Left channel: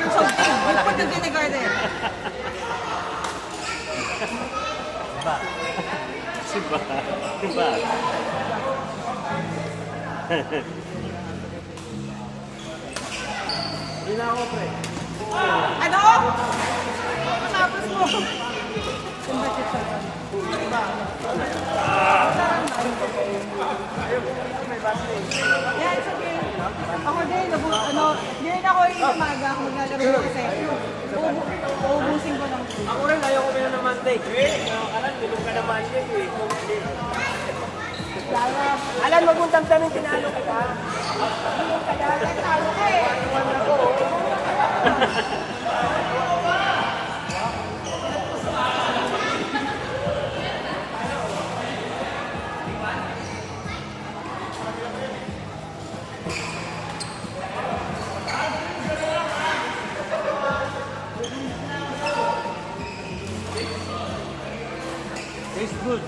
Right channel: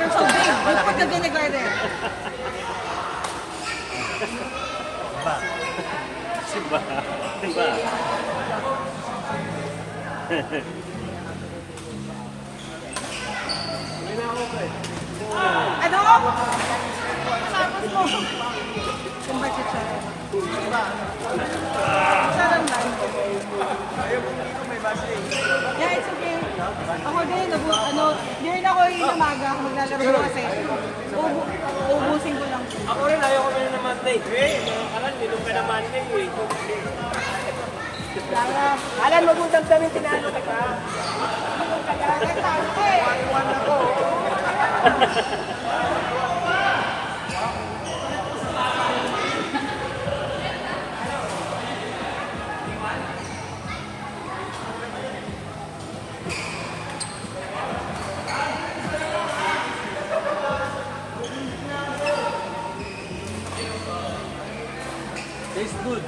you're so big. You put the vinegar there. Diba? Diba? Hindi na ako, pre. Ano? Tapos mo. Kung bakit saran? Saran ba? Yeah, it's okay. Ako din, hindi rin ako yung umaga ako maglalaro ko kasi uubusin ko lang. Ako rin, ayaw ko na naman, day. Alam, nilong ka naman yun, eh. Daya, alam mo kung damdamin pinano ka. Kaya tayo ka eh. Tastes good.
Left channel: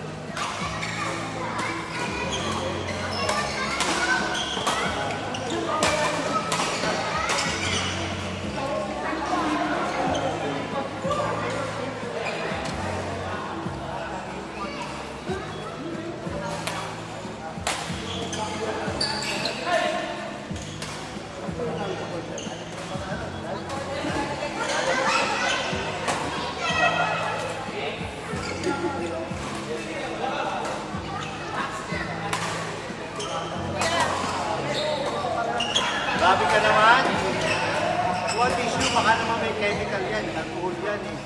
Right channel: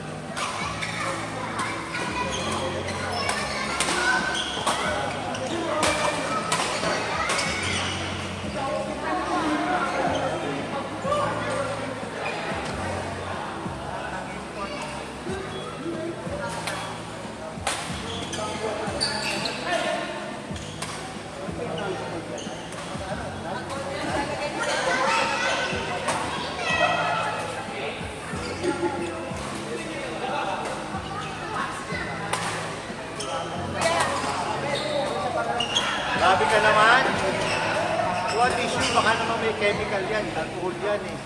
Grabe ka naman. One issue, baka naman may chemical yan. Alcohol yan eh.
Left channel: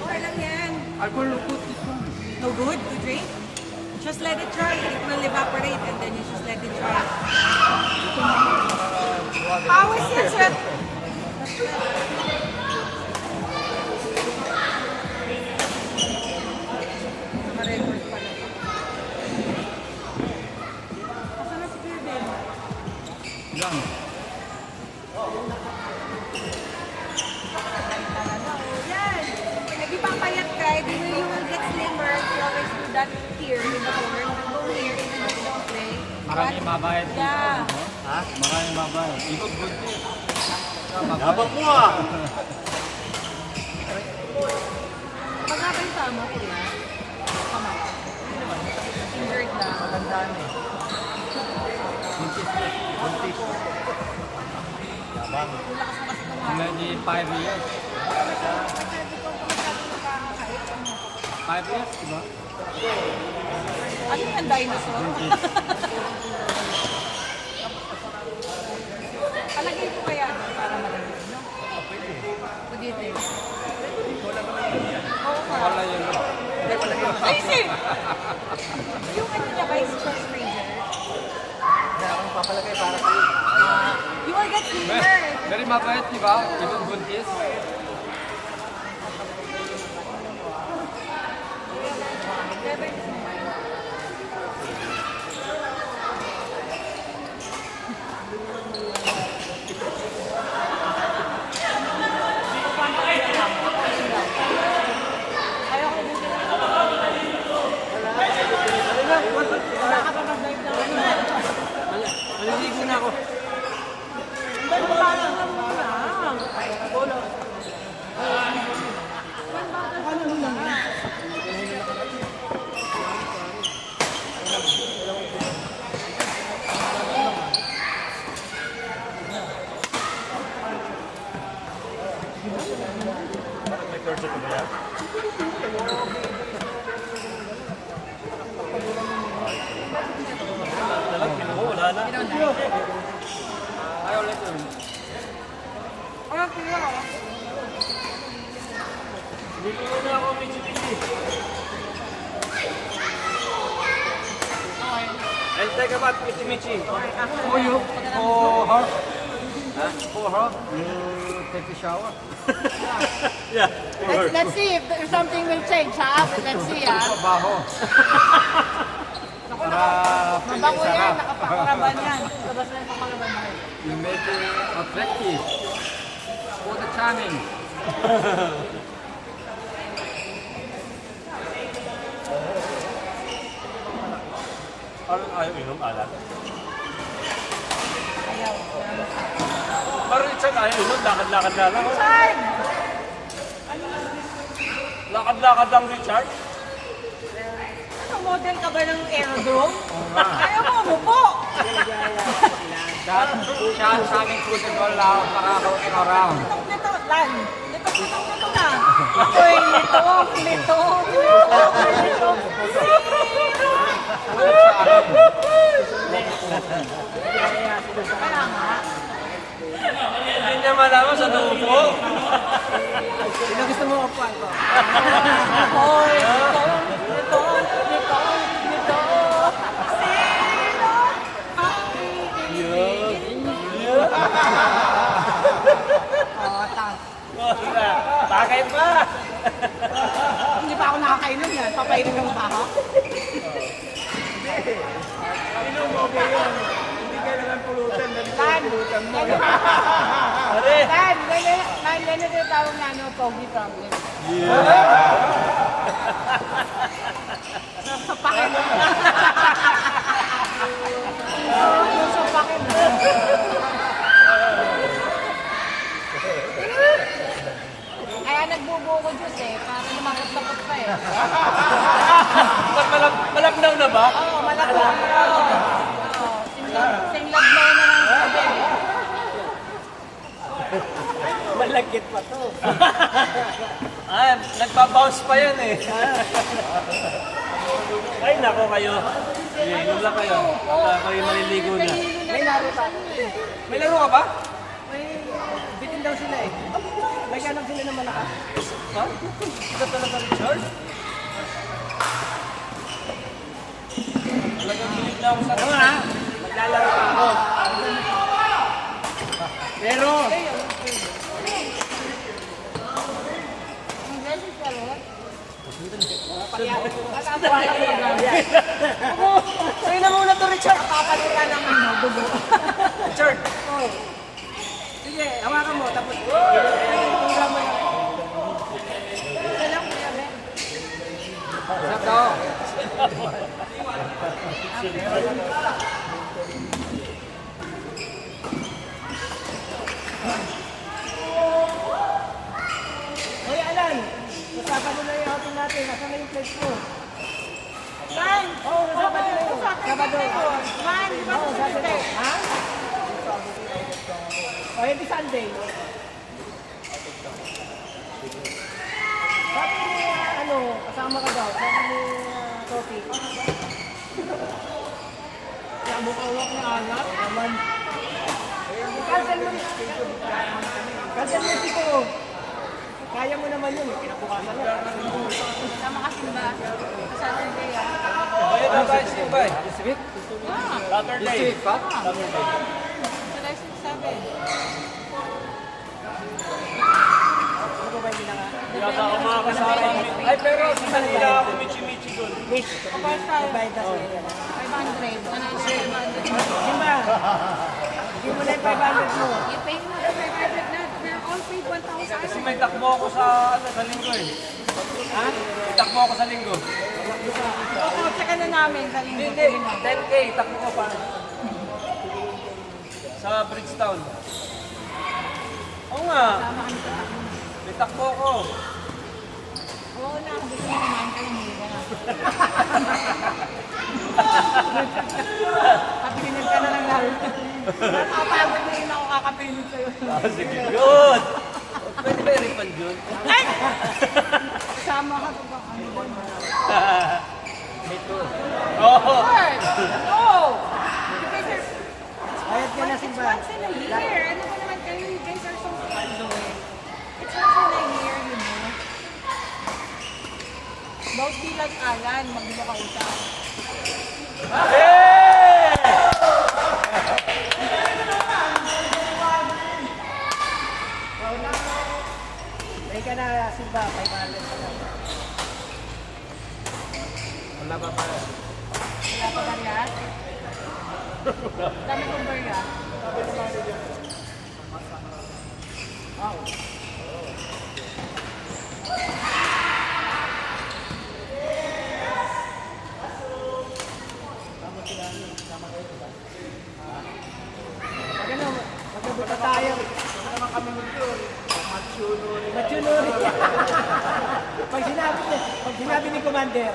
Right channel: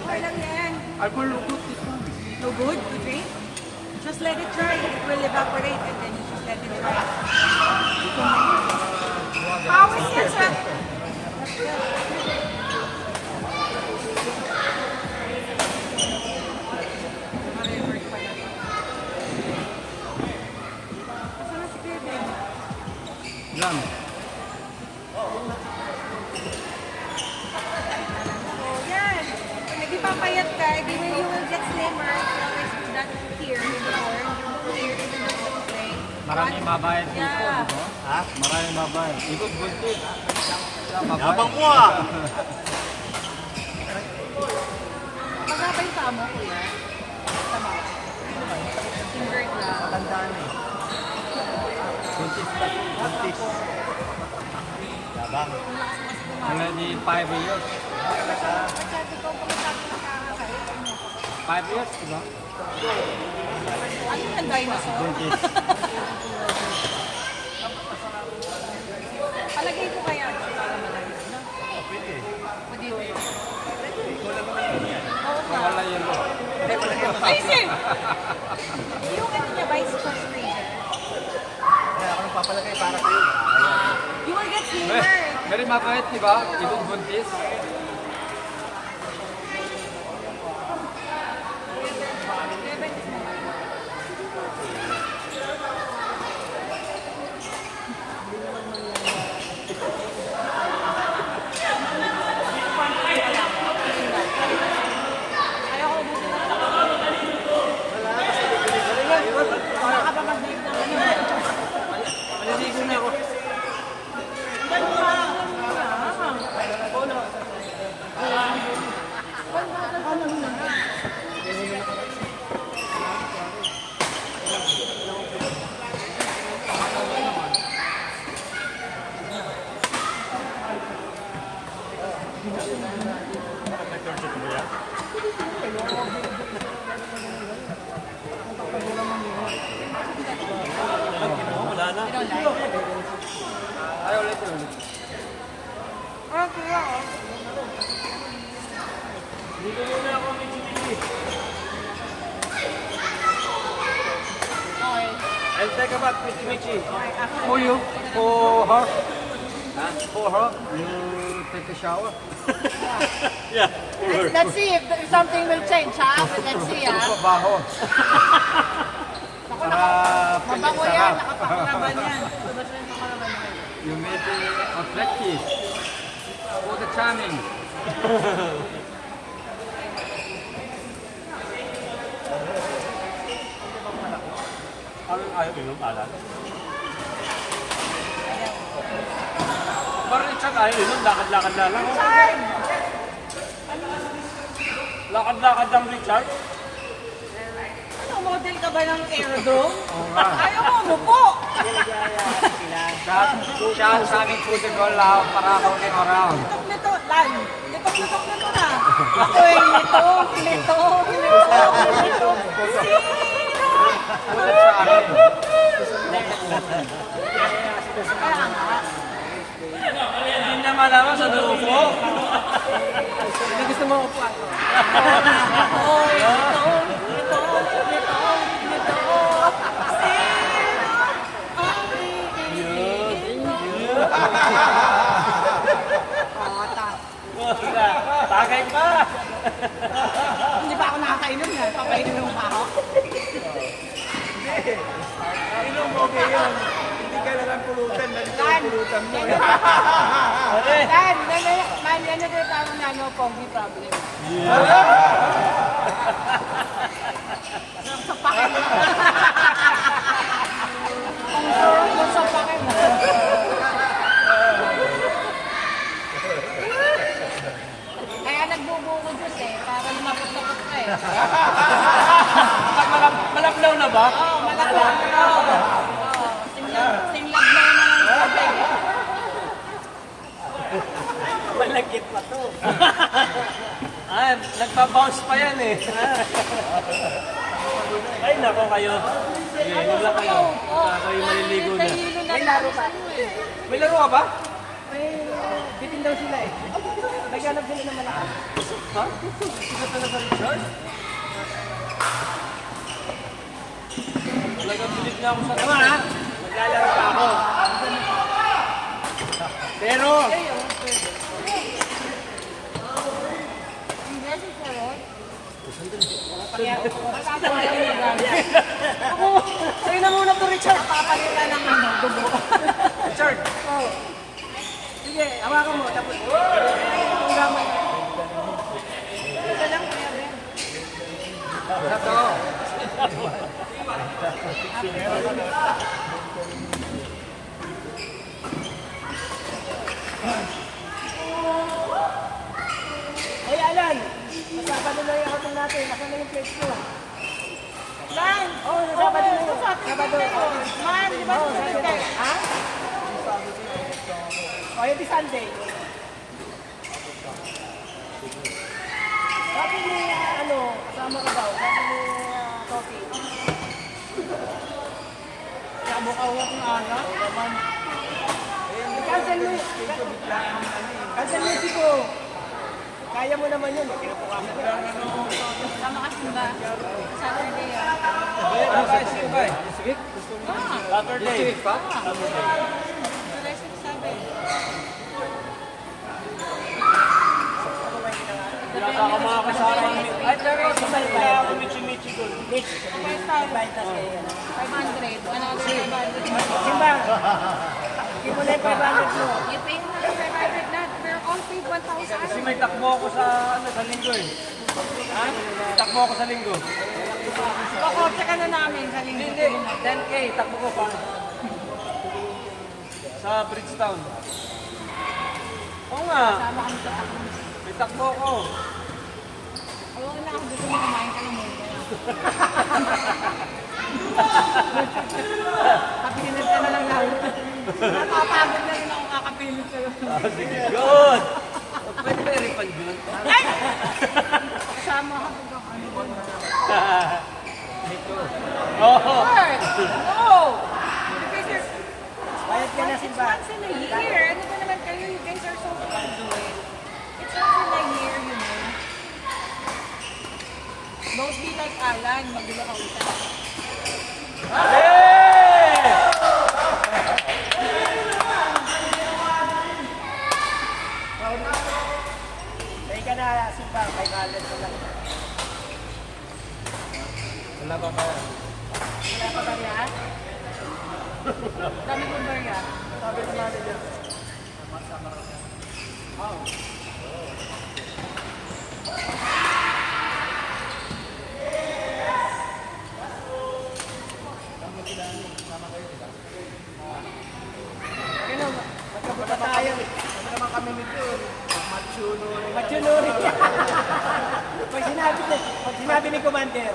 Okay lang yan. Alcohol good ito. No good to drink? Just let it dry. It will evaporate and then you just let it dry. How is it, sir? Lang. Yan. Pag nagpapayat ka, then you will get slimmer. You always do that here before. Maraming mabayad dito. Yeah. Ha? Maraming mabayad. Ito, bunti. Yabang mo, ah. Magabay pa mo, kuya. Tama. Invert lang. Buntis. Yabang. Wala di 5 years. Sabi ko, kung magsabi na kakakait. 5 years, diba? Ano yung dinosaur? Palagay ko kaya para magaling. What do you think? Oo ka. Wala yun. Ay, sir! Yung ano niya ba, is stress freezer? You will get slimmer. Dari mabait, diba? Ito buntis. Kaya ko ubusin na lang. Wala ka pa mag-drive lang. Maliligo na ako. Ganun pa. Wala. Ano na? Bakit may curse ito ba yan? Wala na. Ayaw ulit yun. Ano kuya? Dito muna ako, Michi. I'll take a bath, Michi. For you? For her? Huh? For her? You take a shower? Yeah, for her. Let's see if something will change, ha? Let's see, ha? Trabaho. Mabango yan, nakapakaraban yan. You make it attractive for the charming. Ayaw minom, alam. Ayaw. Parang Richard, ayaw yun, lakad-lakad na lang. Richard! Lakad-lakad lang, Richard. Ano, model ka ba ng aerodrome? Ayaw mo, umupo! Siya ang sabing football para ako around. Lito, Lan. Lito na. Uy, lito. Kaya nga. Hindi niya malaman sa nuupo. Sino gusto mo upuan ko? Uy, lito. Sino ang iibigin mo? Tagay pa. Hindi pa ako nakakainom yan. Papainom lang ba ako? Dan, yan yung tinatawag na ano, pogi problem. Sa pakin. Ang sa pakin. Kaya nagbubuo ko Diyos para lumapot-lapot ka Malablaw na ba? Oo, malakot. Oo. Singlablaw na ng tubig. Malagkit pa to. Nagpa-bounce pa yan eh. Ay, nako kayo. Inom lang kayo. Ako yung maliligo na. May laro pa. May laro ka ba? May bitin daw sila eh. Naghanap sila ng malakas. Ha? Ito talaga Richard? Talagang bilit na ako sa Tama ha? Maglalaro pa ako. Pero, Ako, sa'yo na muna to Richard. Papalitan ng ano, dugo. Richard! Oh. Sige, hawakan mo. Tapos, Tungga mo yun. sarap daw. Hoy, Alan. Nasaban nila yung outing natin. Nasaan na yung plates mo? Man! Oo, nasaban nila yung Sabado. Man, di ba yung Sunday? Ha? O, hindi Sunday. Sabi ni, ano, kasama ka daw. Sabi ni, Topi. Sabo ka uwak na anak. Naman. Cancel mo yun. Cancel mo siguro. Kaya mo naman yun, kinapukasan na. Sama ka simba. Sa Sunday yan. ano tayo sige ba eh? Ah, Saturday. pa? July 6 sabi. Ano ba yung ginawa? Wala pa ako mga kasama. Ay, pero sa kanila ako michi-michi doon. Which? 500. Another 500. Simba, hindi mo na yung 500 mo. You pay mo yung 500 na. Pero all paid 1,000. Kasi may takbo ako sa, sa linggo eh. Ha? May takbo ako sa linggo. Pakotse ka na namin sa linggo. Hindi, 10K, takbo ko pa. Sa Bridgetown. Oo nga, Sama kami sa takbo. may takbo ako. Oo na, kung gusto mo kumain kayo mo. Kapinig ka na lang yan. Nakapagod na rin ako kakapinig sa'yo. Sige, yun! Pwede ba i-refund yun? Sama ka pag ano doon. Oo. Lord! No! Bayad ka na simba. Once in a year. Ano ba naman kayo? You guys are so good. It's once in a year, you know. Don't be like Alan. Magulo ka usap. Bay ka na simba. 500 pa lang. Wala pa ba? Wala pa ba niya? Dami kong ba niya? Magkabuta tayo. Machunuri. pag sinabi ni Commander.